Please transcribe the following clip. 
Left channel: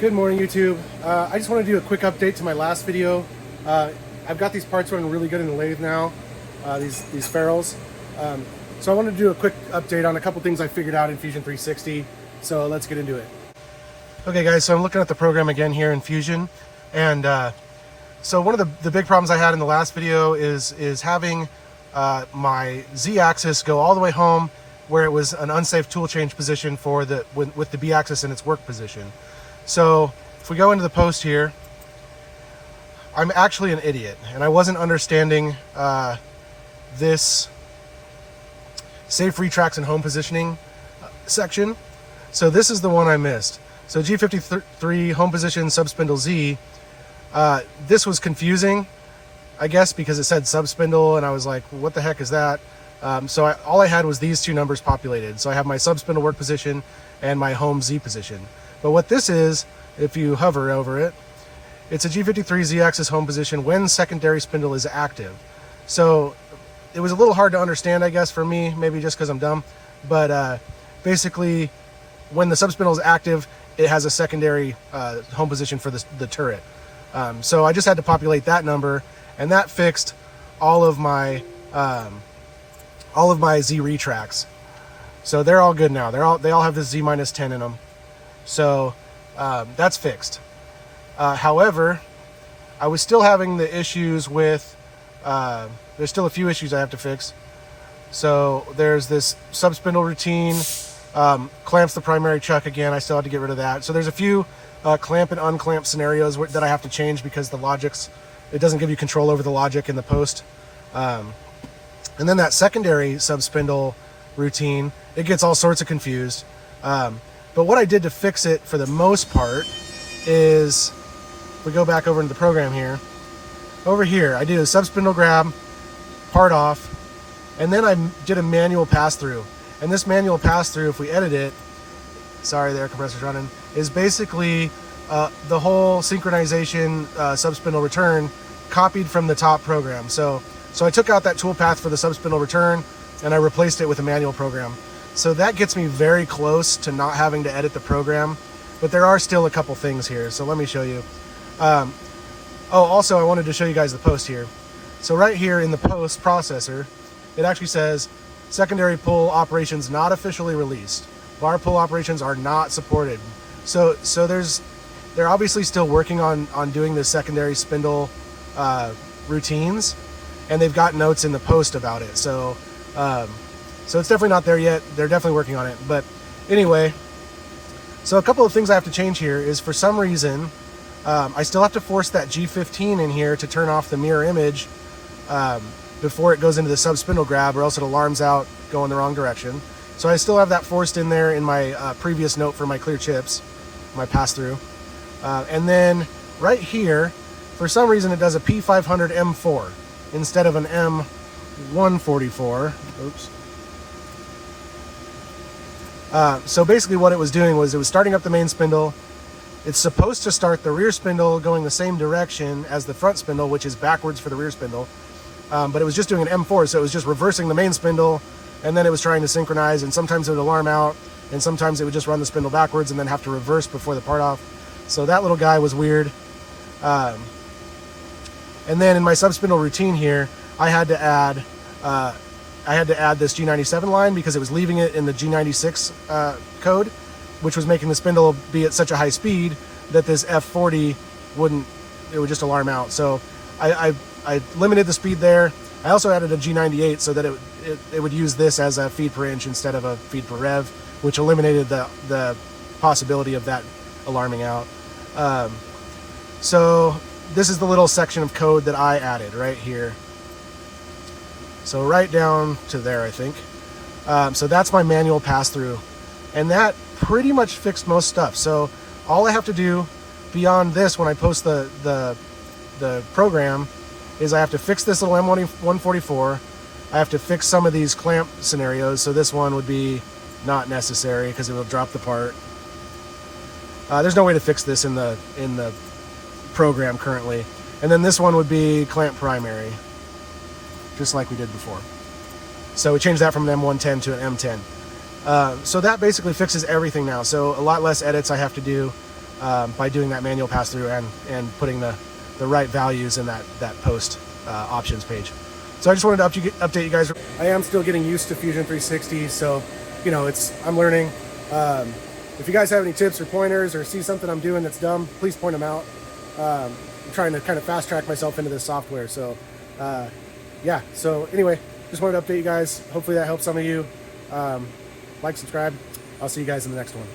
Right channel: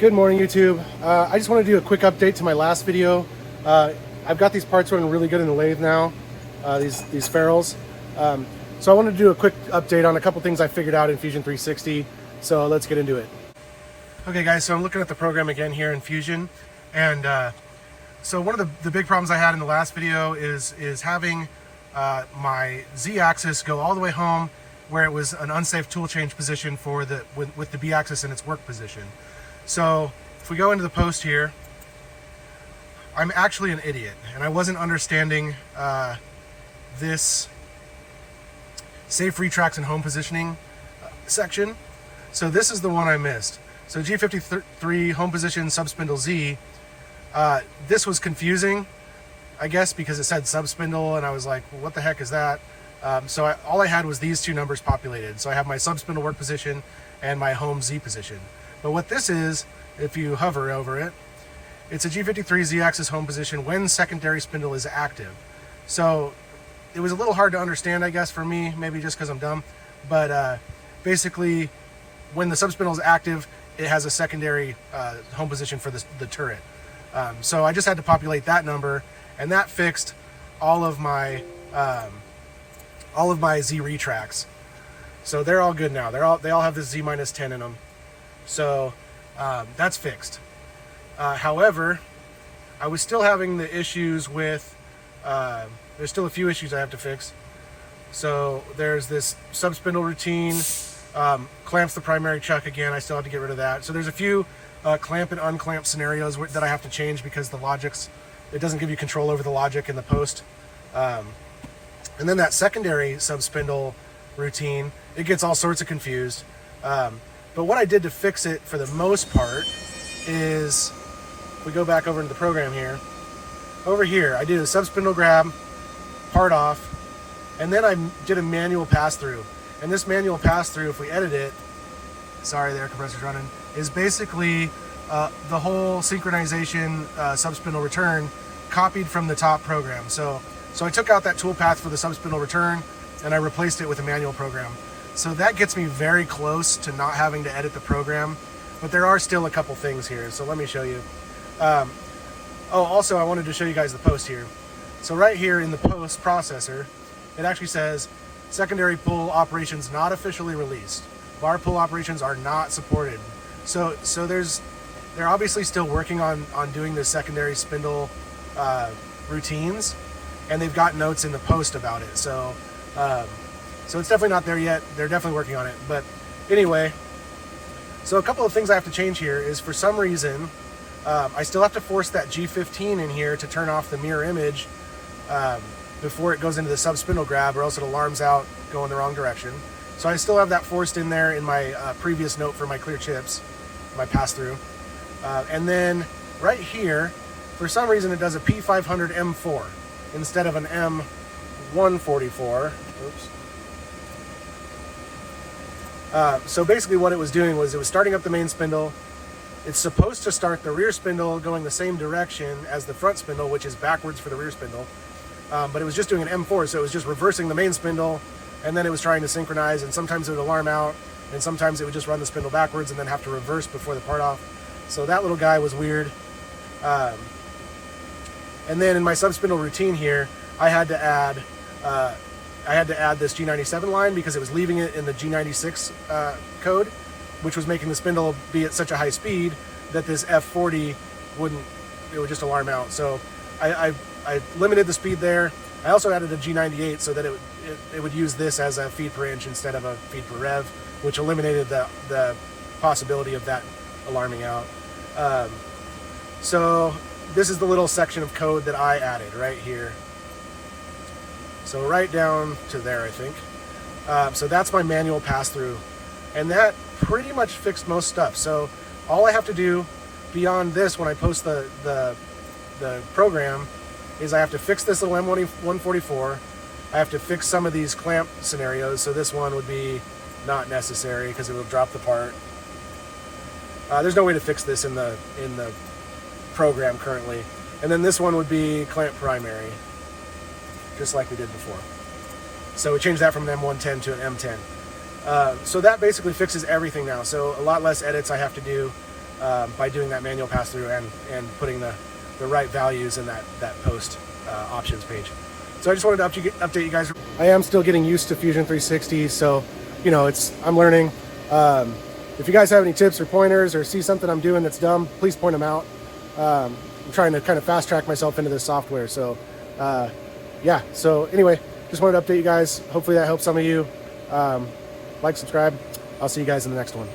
Good morning, YouTube. I just want to do a quick update to my last video. I've got these parts running really good in the lathe now, these ferrules. So I wanted to do a quick update on a couple things I figured out in Fusion 360. So let's get into it. Okay guys, so I'm looking at the program again here in Fusion. And so one of the big problems I had in the last video is having my Z-axis go all the way home where it was an unsafe tool change position for with the B-axis in its work position. So if we go into the post here, I'm actually an idiot and I wasn't understanding this safe retracts and home positioning section. So this is the one I missed. So G53 home position subspindle Z, this was confusing, I guess, because it said subspindle and I was like, well, what the heck is that? So all I had was these two numbers populated. So I have my subspindle work position and my home Z position. But what this is, if you hover over it, it's a G53 Z-axis home position when secondary spindle is active. So it was a little hard to understand, I guess, for me, maybe just because I'm dumb. But basically, when the subspindle is active, it has a secondary home position for the turret. So I just had to populate that number, and that fixed all of my Z retracts. So they're all good now. They all have this Z-10 in them. So that's fixed. However, I was still having the issues with, there's still a few issues I have to fix. So there's this subspindle routine, clamps the primary chuck again. I still have to get rid of that. So there's a few clamp and unclamp scenarios that I have to change because the logic's, it doesn't give you control over the logic in the post. And then that secondary subspindle routine, it gets all sorts of confused. But what I did to fix it for the most part is, if we go back over into the program here, over here, I did a subspindle grab, part off, and then I did a manual pass-through. And this manual pass-through, if we edit it, sorry, the air compressor's running, is basically the whole synchronization subspindle return copied from the top program. So I took out that tool path for the subspindle return and I replaced it with a manual program. So that gets me very close to not having to edit the program, but there are still a couple things here. So let me show you. Oh, also I wanted to show you guys the post here. So right here in the post processor, it actually says secondary pull operations not officially released. Bar pull operations are not supported. So they're obviously still working on doing the secondary spindle routines, and they've got notes in the post about it. So it's definitely not there yet. They're definitely working on it. But anyway, so a couple of things I have to change here is, for some reason, I still have to force that G15 in here to turn off the mirror image before it goes into the subspindle grab, or else it alarms out going the wrong direction. So I still have that forced in there in my previous note for my clear chips, my pass-through. And then right here, for some reason it does a P500 M4 instead of an M144. Oops. So basically what it was doing was it was starting up the main spindle. It's supposed to start the rear spindle going the same direction as the front spindle, which is backwards for the rear spindle. But it was just doing an M4, so it was just reversing the main spindle, and then it was trying to synchronize, and sometimes it would alarm out, and sometimes it would just run the spindle backwards and then have to reverse before the part off. So that little guy was weird. And then in my subspindle routine here, I had to add this G97 line because it was leaving it in the G96 code, which was making the spindle be at such a high speed that this F40 it would just alarm out. So I limited the speed there. I also added a G98 so that it would use this as a feed per inch instead of a feed per rev, which eliminated the possibility of that alarming out. So this is the little section of code that I added right here. So right down to there, I think. So that's my manual pass-through. And that pretty much fixed most stuff. So all I have to do beyond this when I post the program is I have to fix this little M144. I have to fix some of these clamp scenarios. So this one would be not necessary because it will drop the part. There's no way to fix this in the program currently. And then this one would be clamp primary, just like we did before. So we changed that from an M110 to an M10. So that basically fixes everything now. So a lot less edits I have to do. by doing that manual pass through and putting the right values in that post options page. So I just wanted to update you guys. I am still getting used to Fusion 360, so you know, I'm learning. If you guys have any tips or pointers or see something I'm doing that's dumb, please point them out. I'm trying to kind of fast track myself into this software. So yeah, so anyway, just wanted to update you guys. Hopefully that helps some of you. Like, subscribe. I'll see you guys in the next one.